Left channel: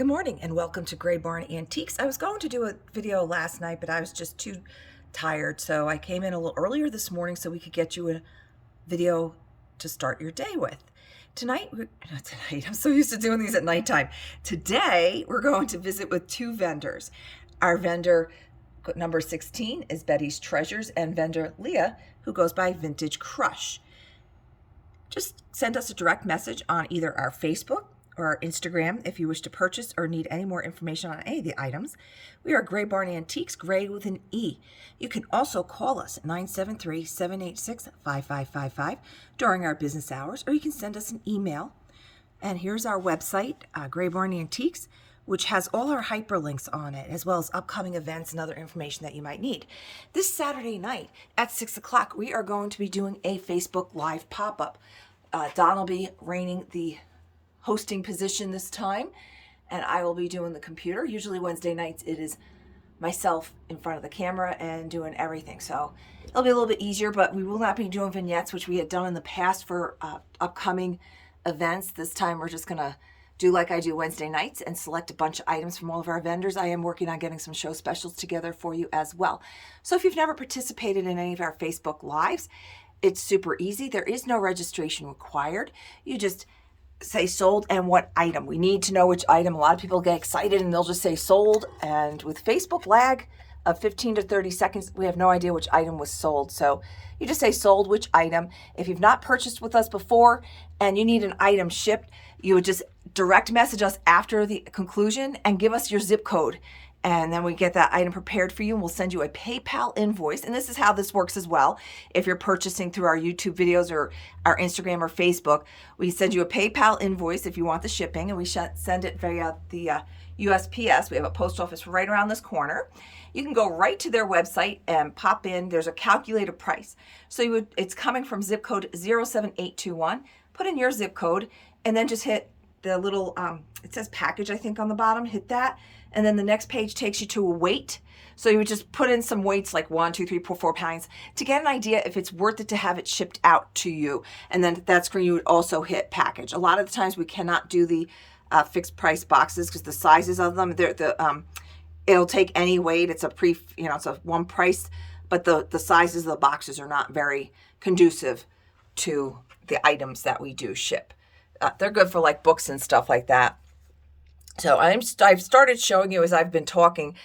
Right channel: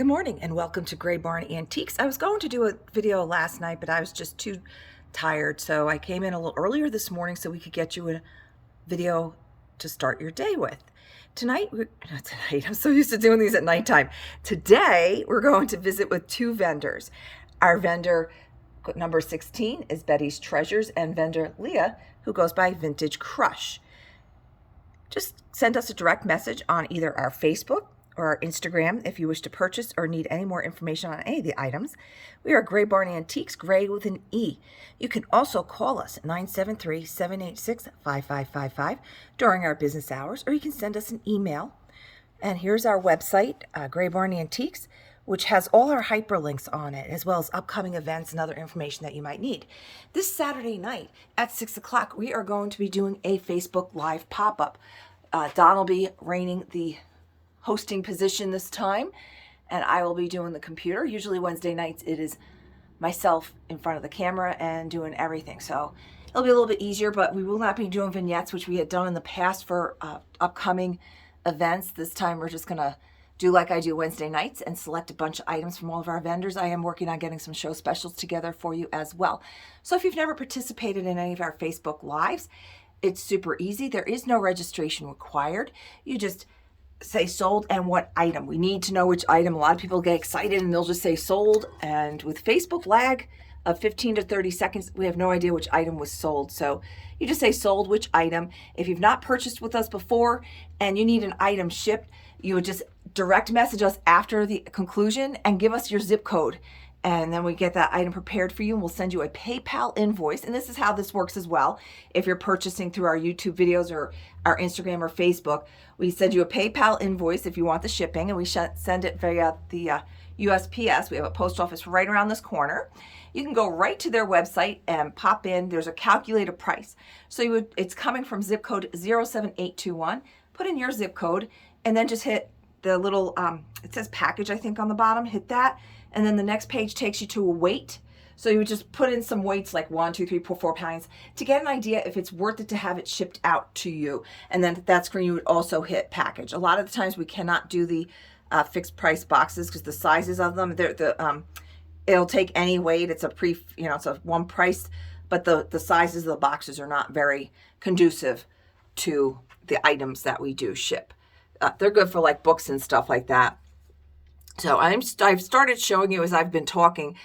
Good morning and welcome to Barn Antiques. I was going to do a video last night, but I was just too tired, so I came in a little earlier this morning so we could get you a video to start your day with. I'm so used to doing these at nighttime. Today, we're going to visit with two vendors. Our vendor number 16 is Betty's Treasures, and vendor Leah, who goes by Vintage Crush. Just send us a direct message on either our Facebook or our Instagram if you wish to purchase or need any more information on any of the items. We are Gray Barn Antiques, Gray with an E. You can also call us at 973-786-5555 during our business hours, or you can send us an email. And here's our website, Gray Barn Antiques, which has all our hyperlinks on it, as well as upcoming events and other information that you might need. This Saturday night at 6 o'clock, we are going to be doing a Facebook Live pop-up. Don will be reigning the hosting position this time, and I will be doing the computer. Usually Wednesday nights it is myself in front of the camera and doing everything, so it'll be a little bit easier, but we will not be doing vignettes, which we had done in the past for upcoming events. This time we're just gonna do like I do Wednesday nights and select a bunch of items from all of our vendors. I am working on getting some show specials together for you as well. So if you've never participated in any of our Facebook Lives, it's super easy. There is no registration required. You just say sold and what item. We need to know which item. A lot of people get excited and they'll just say sold, and with Facebook lag of 15 to 30 seconds, we have no idea which item was sold. So you just say sold, which item. If you've not purchased with us before and you need an item shipped, you would just direct message us after the conclusion and give us your zip code. And then we get that item prepared for you, and we'll send you a PayPal invoice. And this is how this works as well. If you're purchasing through our YouTube videos or our Instagram or Facebook, we send you a PayPal invoice if you want the shipping, and we send it via the USPS. We have a post office right around this corner. You can go right to their website and pop in. There's a calculated price. So it's coming from zip code 07821. Put in your zip code, and then just hit the little, it says package, I think, on the bottom. Hit that. And then the next page takes you to a weight. So you would just put in some weights like 1, 2, 3, 4 pounds to get an idea if it's worth it to have it shipped out to you. And then that's where you would also hit package. A lot of the times we cannot do the fixed price boxes because the sizes of them, it'll take any weight. It's it's a one price, but the sizes of the boxes are not very conducive to the items that we do ship. They're good for like books and stuff like that. So I've started showing you as I've been talking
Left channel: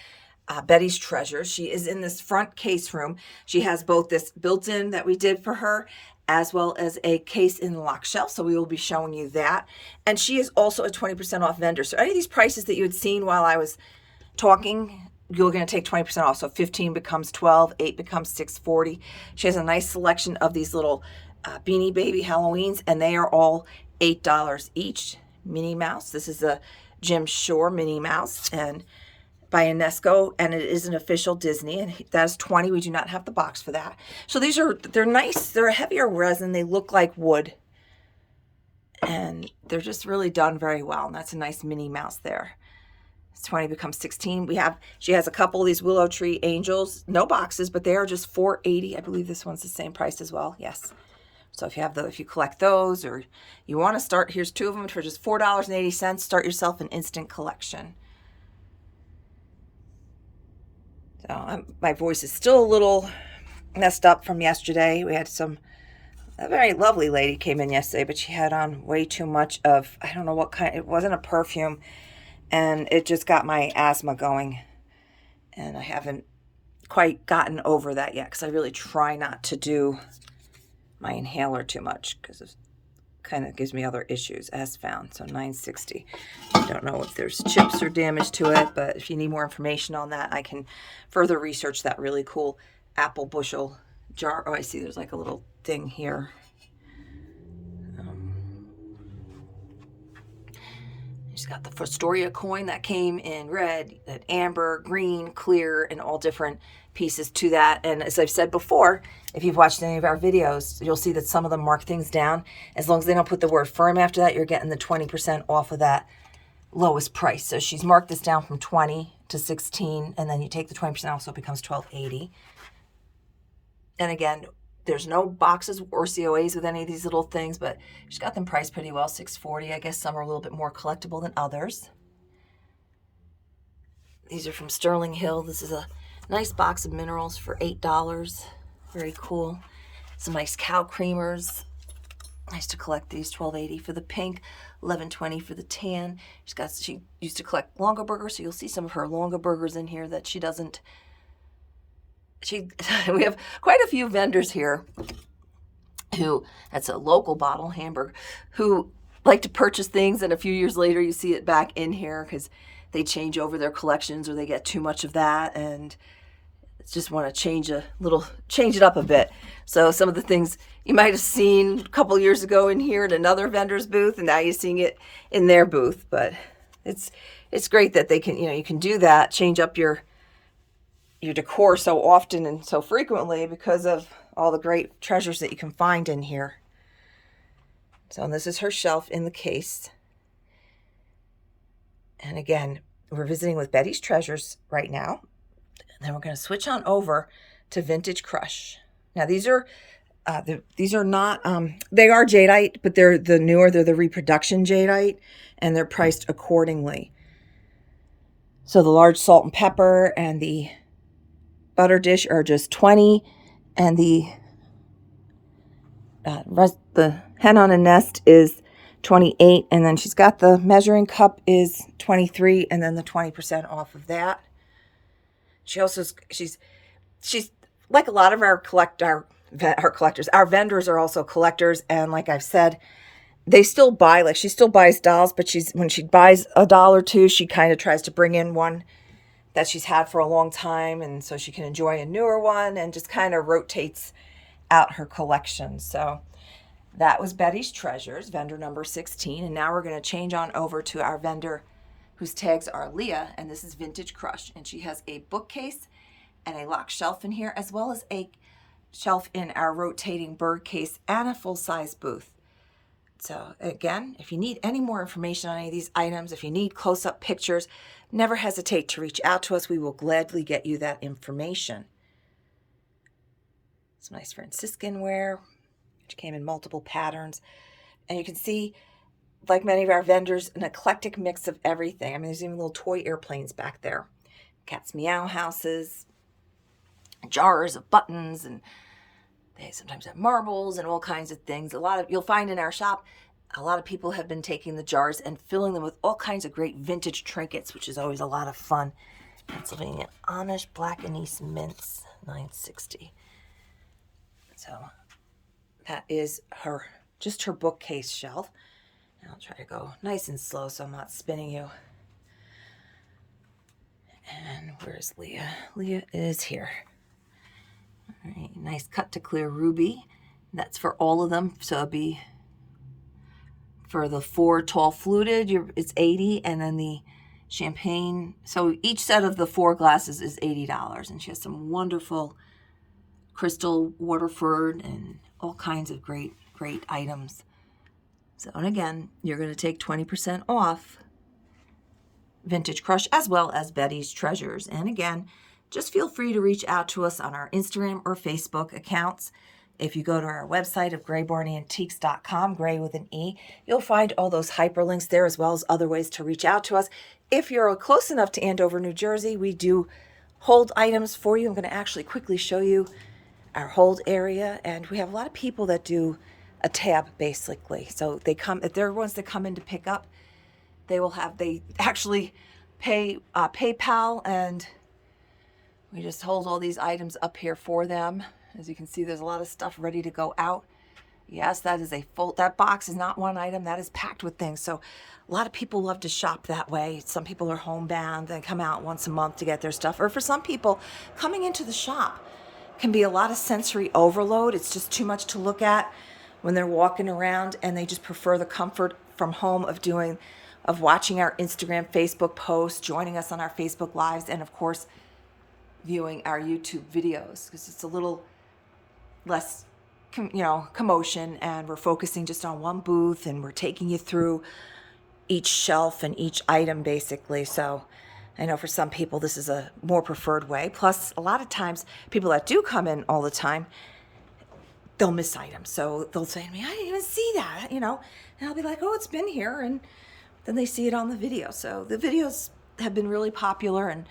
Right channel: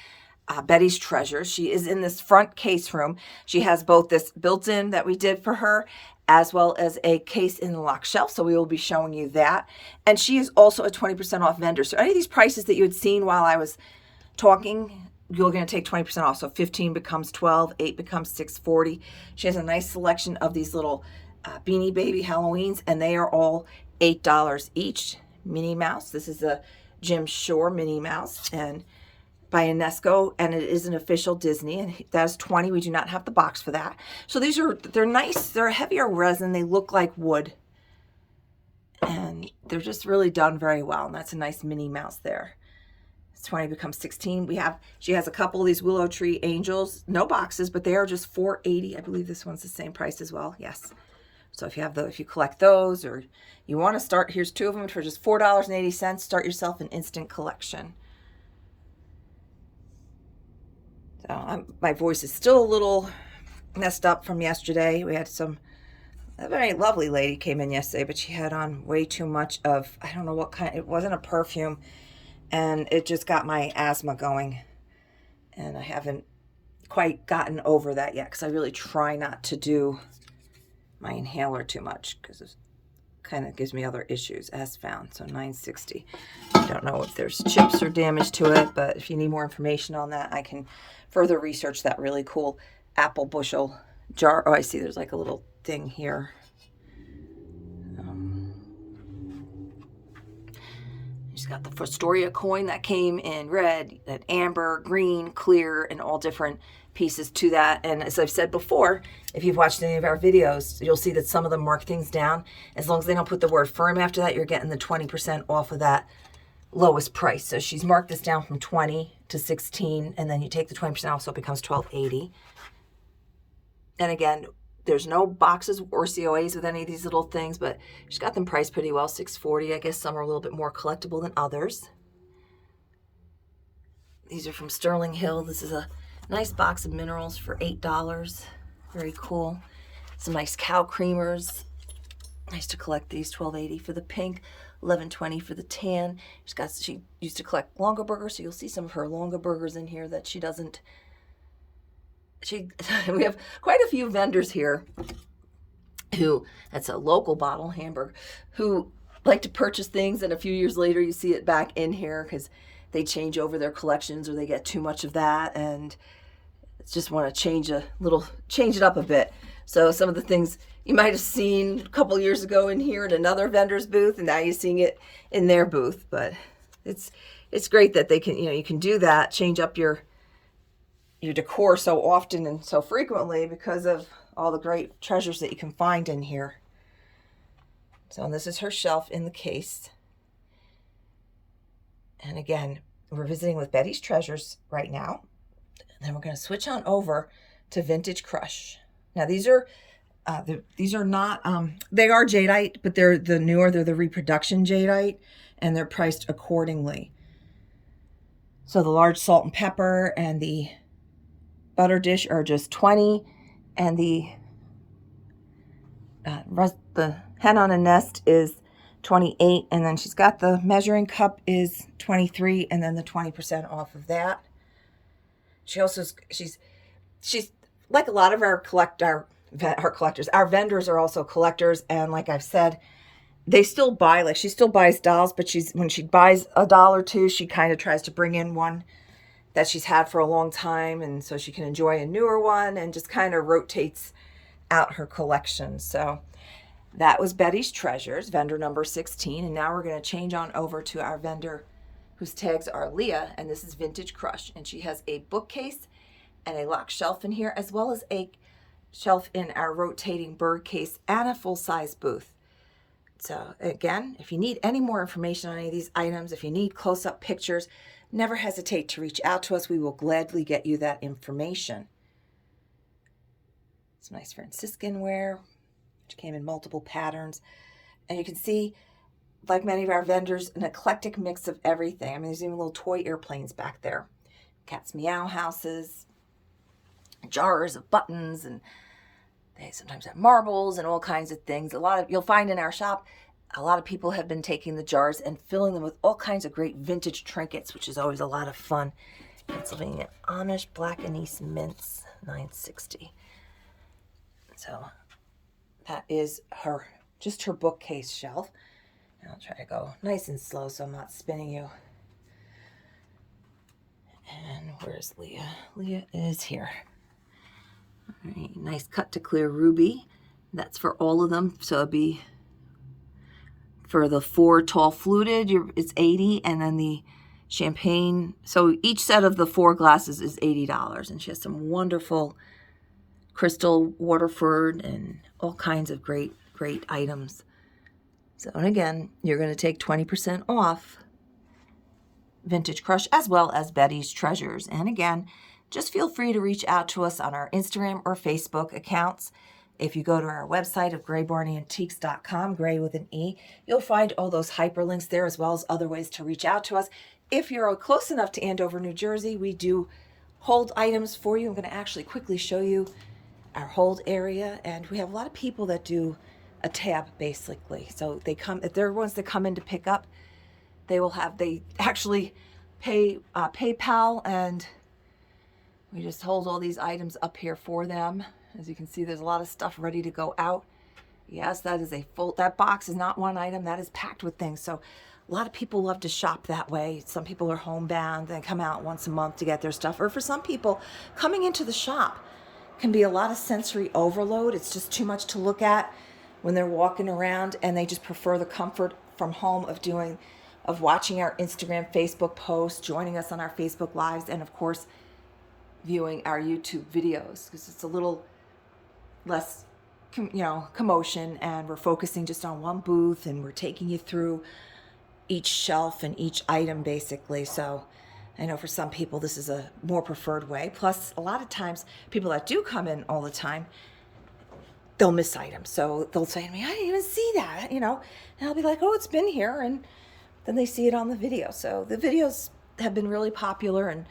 Betty's Treasures. She is in this front case room. She has both this built-in that we did for her as well as a case in the lock shelf. So we will be showing you that. And she is also a 20% off vendor. So any of these prices that you had seen while I was talking, you're going to take 20% off. So 15 becomes 12, 8 becomes $6.40. She has a nice selection of these little Beanie Baby Halloweens, and they are all $8 each. Minnie Mouse. This is a Jim Shore Minnie Mouse and by Unesco, and it is an official Disney, and that's 20. We do not have the box for that. So they're nice. They're a heavier resin. They look like wood, and they're just really done very well. And that's a nice Minnie Mouse there. 20 becomes 16. She has a couple of these willow tree angels, no boxes, but they are just $4.80. I believe this one's the same price as well. Yes. So if you collect those, or you want to start, here's two of them for just $4.80. Start yourself an instant collection. So my voice is still a little messed up from yesterday. We had a very lovely lady came in yesterday, but she had on way too much of, I don't know what kind, it wasn't a perfume, and it just got my asthma going. And I haven't quite gotten over that yet because I really try not to do my inhaler too much because it kind of gives me other issues as found. So $9.60. I don't know if there's chips or damage to it, but if you need more information on that, I can further research that really cool apple bushel jar. Oh, I see there's like a little thing here. She's got the Fostoria coin that came in red, that amber, green, clear, and all different pieces to that. And as I've said before, if you've watched any of our videos, you'll see that some of them mark things down. As long as they don't put the word firm after that, you're getting the 20% off of that lowest price. So she's marked this down from 20 to 16, and then you take the 20% off, so it becomes $12.80. And again, there's no boxes or COAs with any of these little things, but she's got them priced pretty well, $6.40. I guess some are a little bit more collectible than others. These are from Sterling Hill. This is a nice box of minerals for $8. Very cool. Some nice cow creamers. Nice to collect these. $12.80 for the pink, $11.20 for the tan. She used to collect Longaberger, so you'll see some of her Longabergers in here that she doesn't. We have quite a few vendors here who, that's a local bottle, Hamburg, who like to purchase things, and a few years later you see it back in here because they change over their collections or they get too much of that and just want to change it up a bit. So some of the things you might have seen a couple years ago in here at another vendor's booth, and now you're seeing it in their booth. But it's great that they can, you can do that, change up your decor so often and so frequently because of all the great treasures that you can find in here. So this is her shelf in the case. And again, we're visiting with Betty's Treasures right now. And then we're going to switch on over to Vintage Crush. Now these are not, they are jadeite, but they're the reproduction jadeite, and they're priced accordingly. So the large salt and pepper and the butter dish are just $20, and the hen on a nest is $28, and then she's got the measuring cup is $23, and then the 20% off of that. She's like a lot of our collectors. Our vendors are also collectors, and like I've said, they still buy. Like she still buys dolls, but when she buys a doll or two, she kind of tries to bring in one that she's had for a long time, and so she can enjoy a newer one, and just kind of rotates out her collection. So that was Betty's Treasures, vendor number 16, and now we're going to change on over to our vendor whose tags are Leah, and this is Vintage Crush, and she has a bookcase and a locked shelf in here, as well as a shelf in our rotating bird case and a full-size booth. So again, if you need any more information on any of these items, if you need close-up pictures, never hesitate to reach out to us. We will gladly get you that information. Some nice Franciscan ware, which came in multiple patterns. And you can see, like many of our vendors, an eclectic mix of everything. I mean, there's even little toy airplanes back there. Cat's meow houses, jars of buttons, and they sometimes have marbles and all kinds of things. You'll find in our shop, a lot of people have been taking the jars and filling them with all kinds of great vintage trinkets, which is always a lot of fun. Pennsylvania Amish Black Anise Mints, $9.60. So that is just her bookcase shelf. And I'll try to go nice and slow so I'm not spinning you. And where's Leah? Leah is here. All right, nice cut to clear ruby. That's for all of them. So it'll be for the 4 tall fluted, it's $80, and then the champagne. So each set of the 4 glasses is $80, and she has some wonderful crystal Waterford and all kinds of great items. So, and again, you're going to take 20% off Vintage Crush as well as Betty's Treasures. And again, just feel free to reach out to us on our Instagram or Facebook accounts. If you go to our website of graybarnyantiques.com, gray with an E, you'll find all those hyperlinks there, as well as other ways to reach out to us. If you're close enough to Andover, New Jersey, we do hold items for you. I'm going to actually quickly show you our hold area, and we have a lot of people that do a tab basically. So they come, if they're ones that come in to pick up, they actually pay PayPal, and we just hold all these items up here for them. As you can see, there's a lot of stuff ready to go out. Yes, that box is not one item, that is packed with things. So a lot of people love to shop that way. Some people are homebound, they come out once a month to get their stuff. Or for some people, coming into the shop can be a lot of sensory overload. It's just too much to look at when they're walking around, and they just prefer the comfort from home of watching our Instagram, Facebook posts, joining us on our Facebook Lives, and of course, viewing our YouTube videos, because it's a little less, commotion, and we're focusing just on one booth, and we're taking you through each shelf and each item basically. So I know for some people this is a more preferred way. Plus, a lot of times people that do come in all the time, they'll miss items. So they'll say to me, I didn't even see that, and I'll be like, oh, it's been here. And then they see it on the video. So the videos have been really popular, and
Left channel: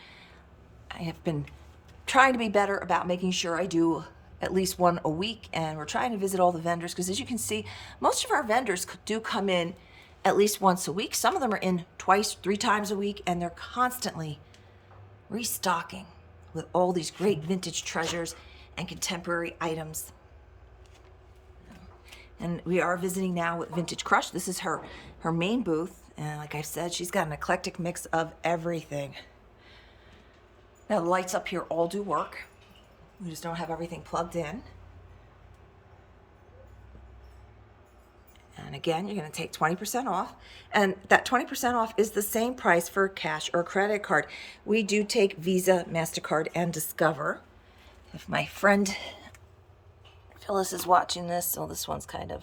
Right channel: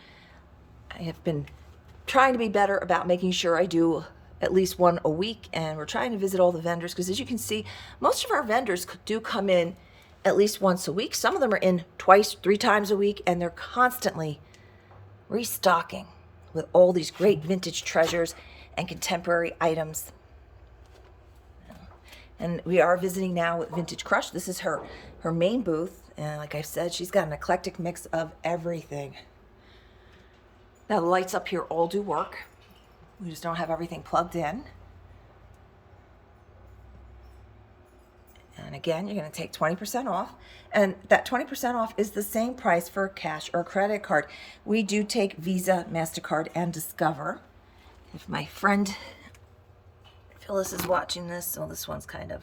I have been trying to be better about making sure I do at least one a week, and we're trying to visit all the vendors because, as you can see, most of our vendors do come in at least once a week. Some of them are in twice, 3 times a week, and they're constantly restocking with all these great vintage treasures and contemporary items. And we are visiting now with Vintage Crush. This is her main booth, and like I said, she's got an eclectic mix of everything. Now the lights up here all do work. We just don't have everything plugged in. And again, you're going to take 20% off. And that 20% off is the same price for cash or credit card. We do take Visa, MasterCard, and Discover. If my friend Phyllis is watching this, so this one's kind of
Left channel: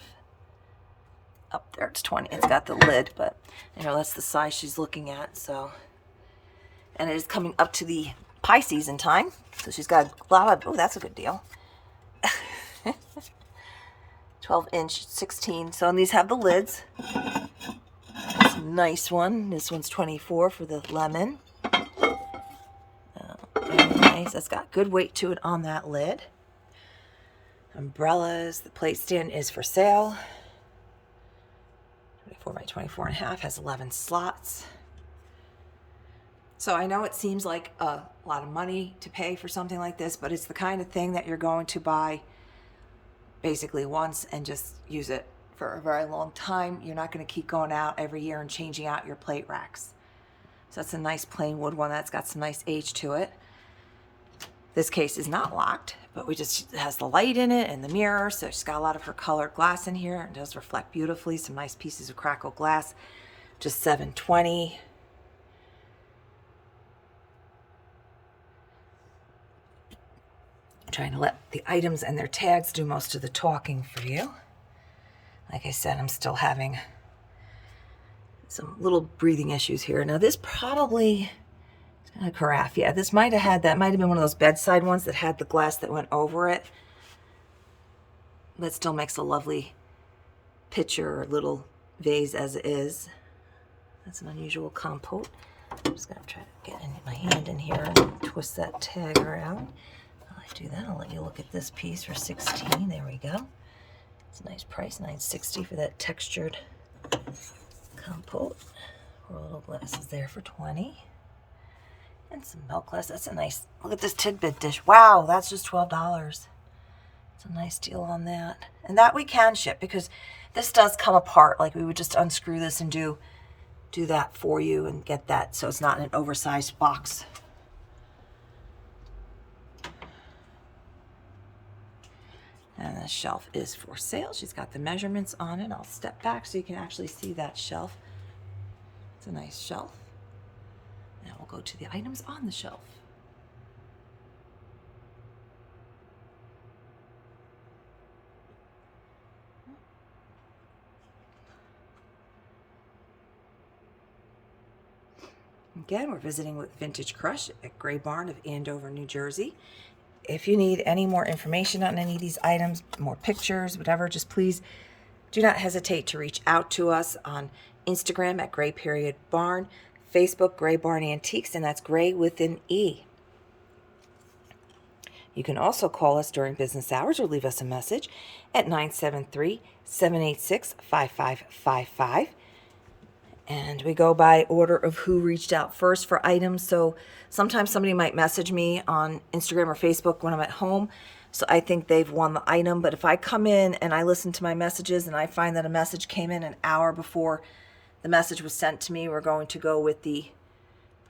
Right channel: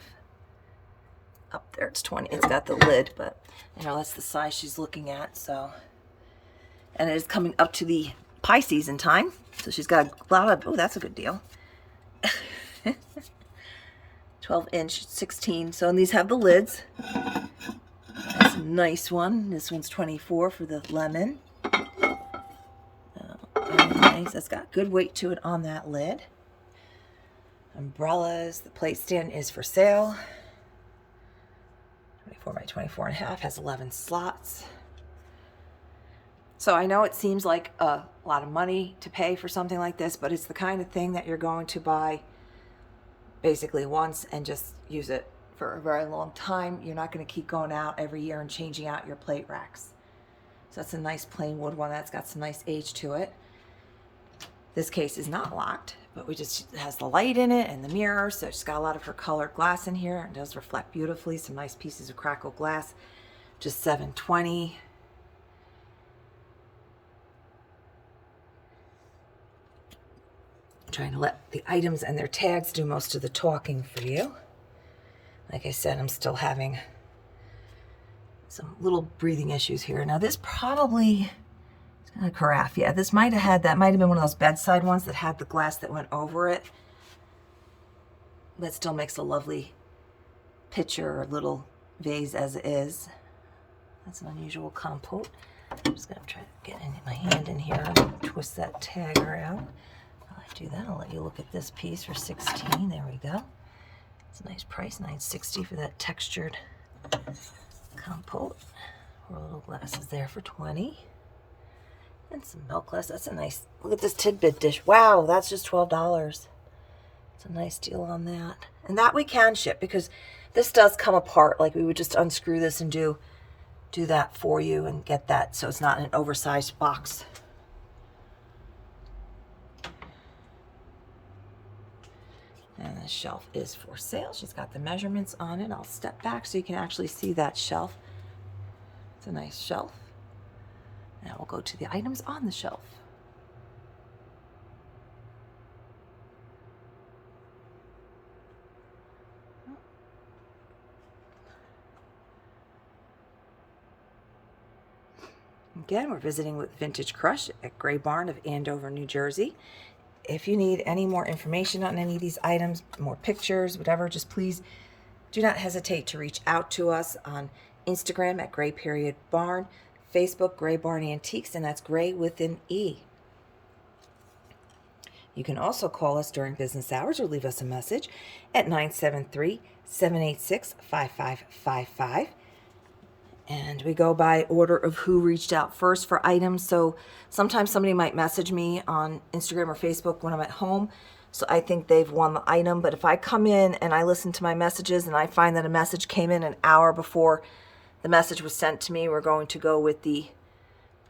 up there. It's 20. It's got the lid, but I know that's the size she's looking at. So, and it is coming up to the pie season time. So she's got a lot of, oh, that's a good deal. 12-inch, 16. So, and these have the lids. That's a nice one. This one's 24 for the lemon. Very nice. That's got good weight to it on that lid. Umbrellas. The plate stand is for sale. 24 by 24 and a half. Has 11 slots. So I know it seems like a lot of money to pay for something like this, but it's the kind of thing that you're going to buy basically once and just use it for a very long time. You're not going to keep going out every year and changing out your plate racks. So that's a nice plain wood one that's got some nice age to it. This case is not locked, but it has the light in it and the mirror, so she's got a lot of her colored glass in here. It does reflect beautifully. Some nice pieces of crackled glass. Just $7.20. Trying to let the items and their tags do most of the talking for you. Like I said, I'm still having some little breathing issues here. Now this probably, it's got a carafe. Yeah, this might have had, that might have been one of those bedside ones that had the glass that went over it. But still makes a lovely pitcher or little vase as it is. That's an unusual compote. I'm just gonna try to get my hand in here and twist that tag around. Do that. I'll let you look at this piece for $16. There we go. It's a nice price, $9.60 for that textured compote. 4 little glasses there for $20. And some milk glass. That's a nice, look at this tidbit dish. Wow, that's just $12. It's a nice deal on that. And that we can ship because this does come apart. Like we would just unscrew this and do that for you and get that so it's not in an oversized box. And the shelf is for sale. She's got the measurements on it. I'll step back so you can actually see that shelf. It's a nice shelf. Now we'll go to the items on the shelf. Again, we're visiting with Vintage Crush at Gray Barn of Andover, New Jersey. If you need any more information on any of these items, more pictures, whatever, just please do not hesitate to reach out to us on Instagram at Gray_Barn, Facebook Gray Barn Antiques, and that's Gray with an E. You can also call us during business hours or leave us a message at 973-786-5555. And we go by order of who reached out first for items. So sometimes somebody might message me on Instagram or Facebook when I'm at home. So I think they've won the item. But if I come in and I listen to my messages and I find that a message came in an hour before the message was sent to me, we're going to go with the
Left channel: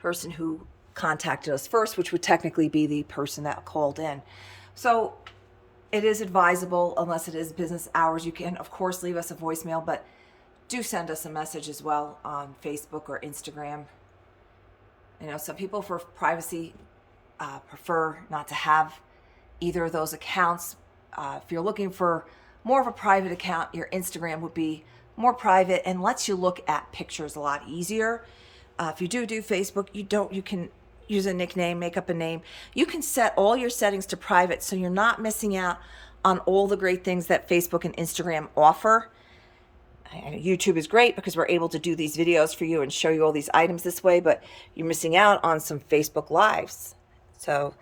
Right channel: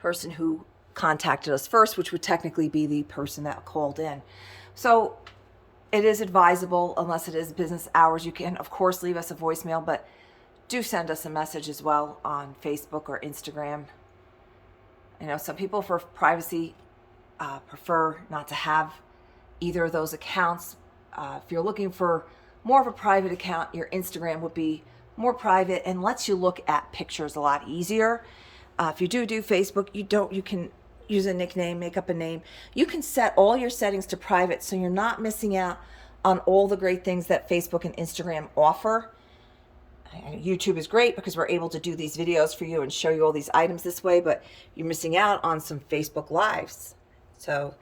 person who contacted us first, which would technically be the person that called in. So it is advisable, unless it is business hours, you can, of course, leave us a voicemail, but do send us a message as well on Facebook or Instagram. You know, some people for privacy prefer not to have either of those accounts. If you're looking for more of a private account, your Instagram would be more private and lets you look at pictures a lot easier. If you do Facebook, you can use a nickname, make up a name. You can set all your settings to private so you're not missing out on all the great things that Facebook and Instagram offer. YouTube is great because we're able to do these videos for you and show you all these items this way, but you're missing out on some Facebook Lives. So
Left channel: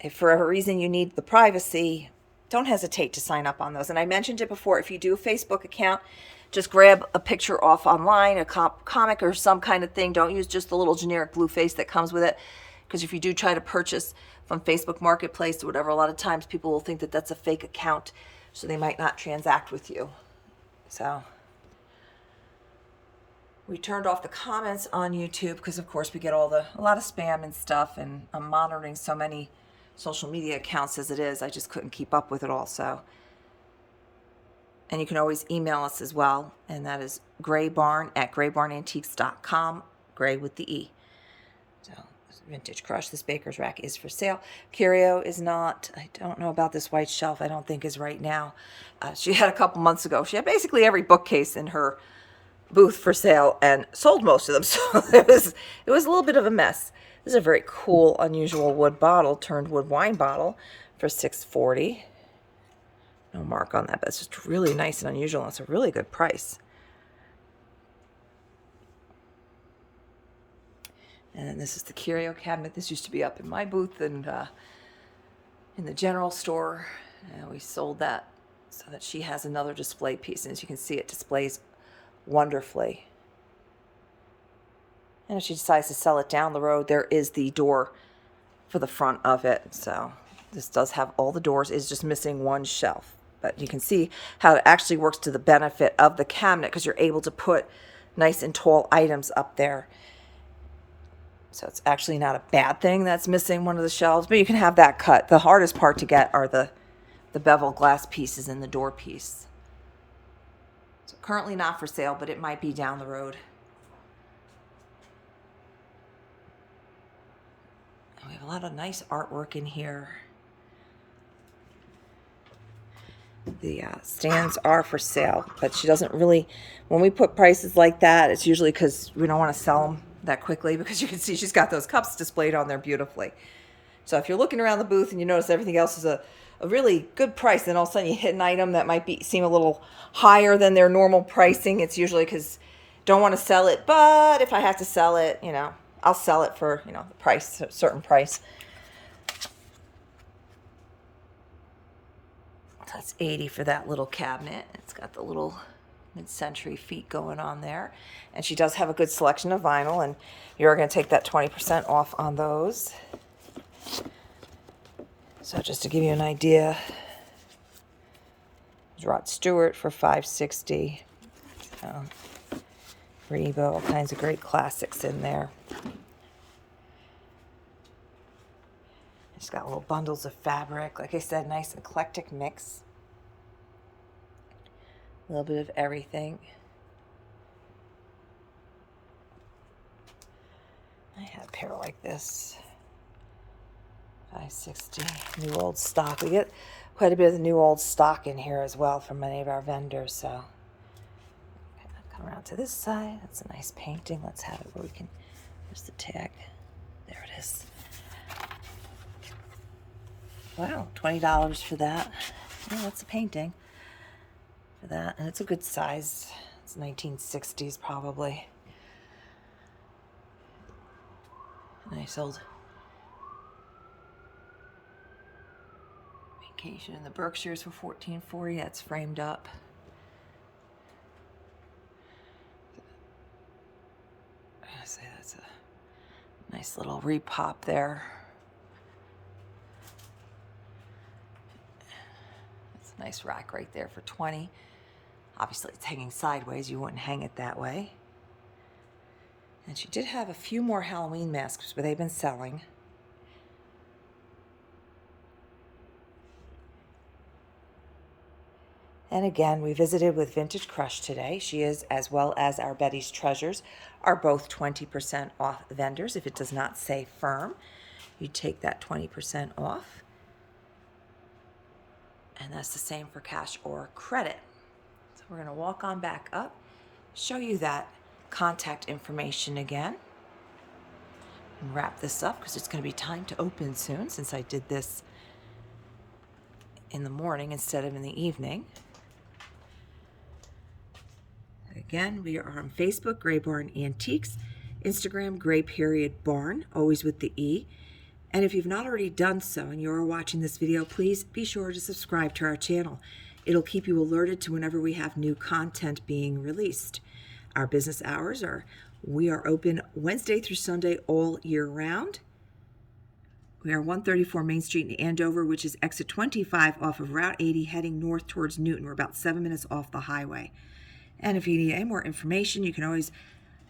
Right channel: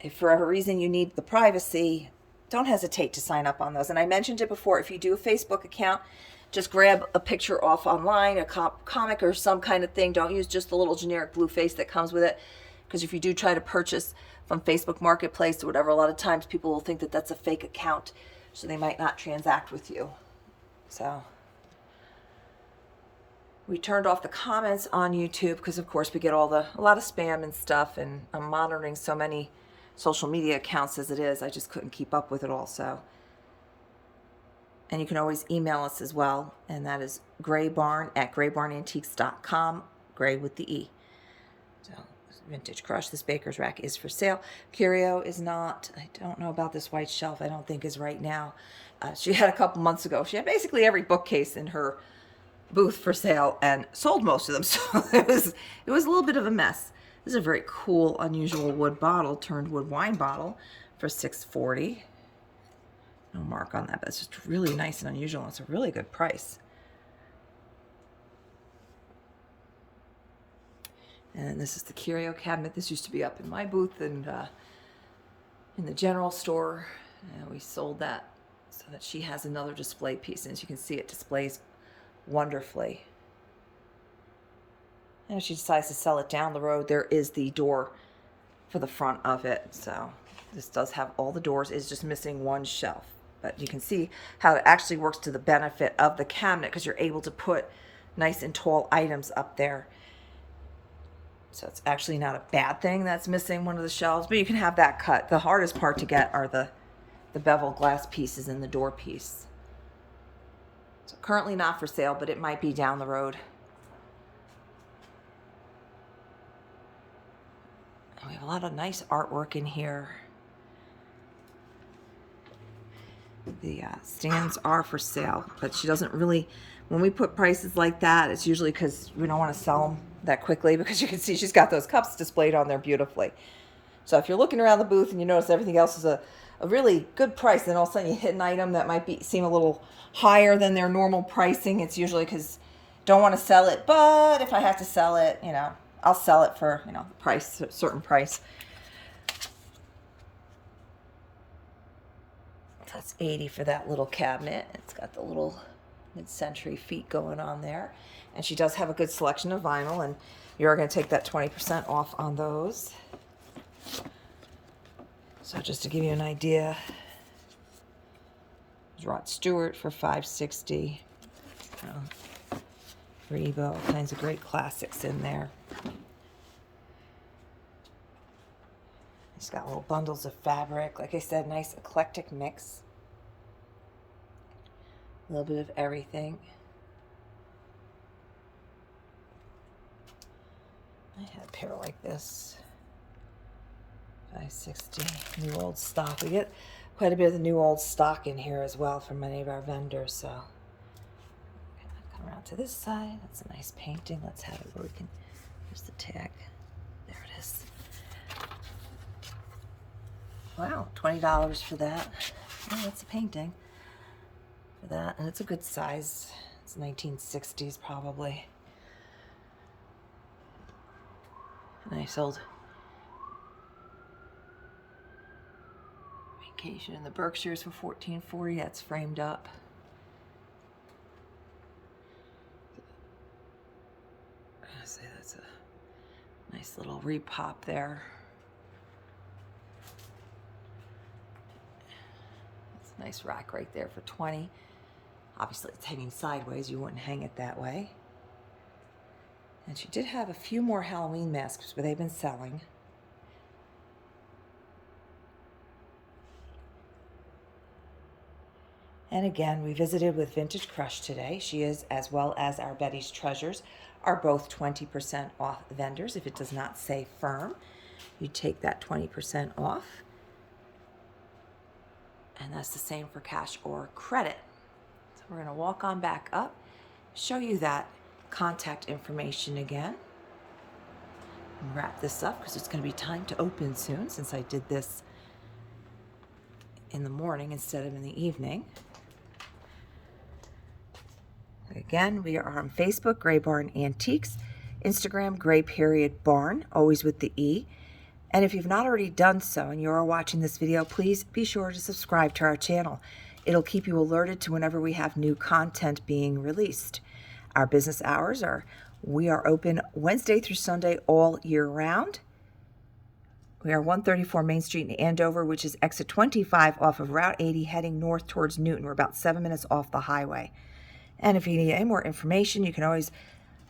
if for whatever reason you need the privacy, don't hesitate to sign up on those. And I mentioned it before, if you do a Facebook account, just grab a picture off online, a comic or some kind of thing. Don't use just the little generic blue face that comes with it. Because if you do try to purchase from Facebook Marketplace or whatever, a lot of times people will think that that's a fake account, so they might not transact with you. So we turned off the comments on YouTube because, of course, we get a lot of spam and stuff, and I'm monitoring so many social media accounts as it is. I just couldn't keep up with it all. So, and you can always email us as well, and that is graybarn@graybarnantiques.com, gray with the E. So, Vintage Crush, this baker's rack is for sale. Curio is not. I don't know about this white shelf. I don't think is right now. She had a couple months ago. She had basically every bookcase in her booth for sale and sold most of them. So it was a little bit of a mess. This is a very cool, unusual wood bottle, turned wood wine bottle for $6.40. No mark on that, but it's just really nice and unusual. It's a really good price. And this is the Curio Cabinet. This used to be up in my booth and in the general store. And we sold that so that she has another display piece. And as you can see, it displays wonderfully. And if she decides to sell it down the road, there is the door for the front of it. So this does have all the doors. It's just missing one shelf. But you can see how it actually works to the benefit of the cabinet because you're able to put nice and tall items up there. So it's actually not a bad thing that's missing one of the shelves, but you can have that cut. The hardest part to get are the bevel glass pieces and the door piece. So currently not for sale, but it might be down the road. And we have a lot of nice artwork in here. The stands are for sale, but she doesn't really, when we put prices like that, it's usually because we don't want to sell them that quickly, because you can see she's got those cups displayed on there beautifully. So if you're looking around the booth and you notice everything else is a really good price, then all of a sudden you hit an item that might seem a little higher than their normal pricing, it's usually because don't want to sell it, but if I have to sell it, I'll sell it for, the price, a certain price. That's $80 for that little cabinet. It's got the little mid-century feet going on there. And she does have a good selection of vinyl, and you're going to take that 20% off on those. So just to give you an idea, Rod Stewart for $5.60. Rebo, all kinds of great classics in there. She's got little bundles of fabric. Like I said, nice eclectic mix. A little bit of everything. I had a pair like this. $5.60. New old stock. We get quite a bit of the new old stock in here as well from many of our vendors. So come around to this side. That's a nice painting. Let's have it where we can. Where's the tag? There it is. Wow, $20 for that. Yeah, that's a painting for that, and it's a good size. It's 1960s probably. Nice old Vacation in the Berkshires for $14.40. That's framed up. I say that's a nice little repop there. Nice rack right there for $20. Obviously it's hanging sideways, you wouldn't hang it that way. And she did have a few more Halloween masks, but they've been selling. And again, we visited with Vintage Crush today. She is, as well as our Betty's Treasures, are both 20% off vendors. If it does not say firm, you take that 20% off. And that's the same for cash or credit. So we're going to walk on back up, show you that contact information again, and wrap this up because it's going to be time to open soon since I did this in the morning instead of in the evening. Again, we are on Facebook, Gray Barn Antiques, Instagram, Gray_Barn, always with the E. And if you've not already done so and you're watching this video, please be sure to subscribe to our channel. It'll keep you alerted to whenever we have new content being released. Our business hours we are open Wednesday through Sunday all year round. We are 134 Main Street in Andover, which is exit 25 off of Route 80 heading north towards Newton. We're about 7 minutes off the highway. And if you need any more information, you can always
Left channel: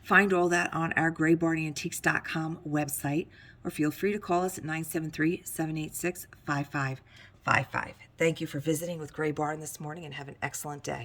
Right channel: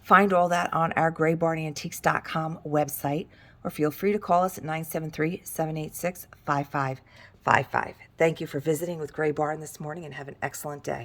find all that on our graybarnantiques.com website, or feel free to call us at 973-786-5555. Thank you for visiting with Gray Barn this morning, and have an excellent day.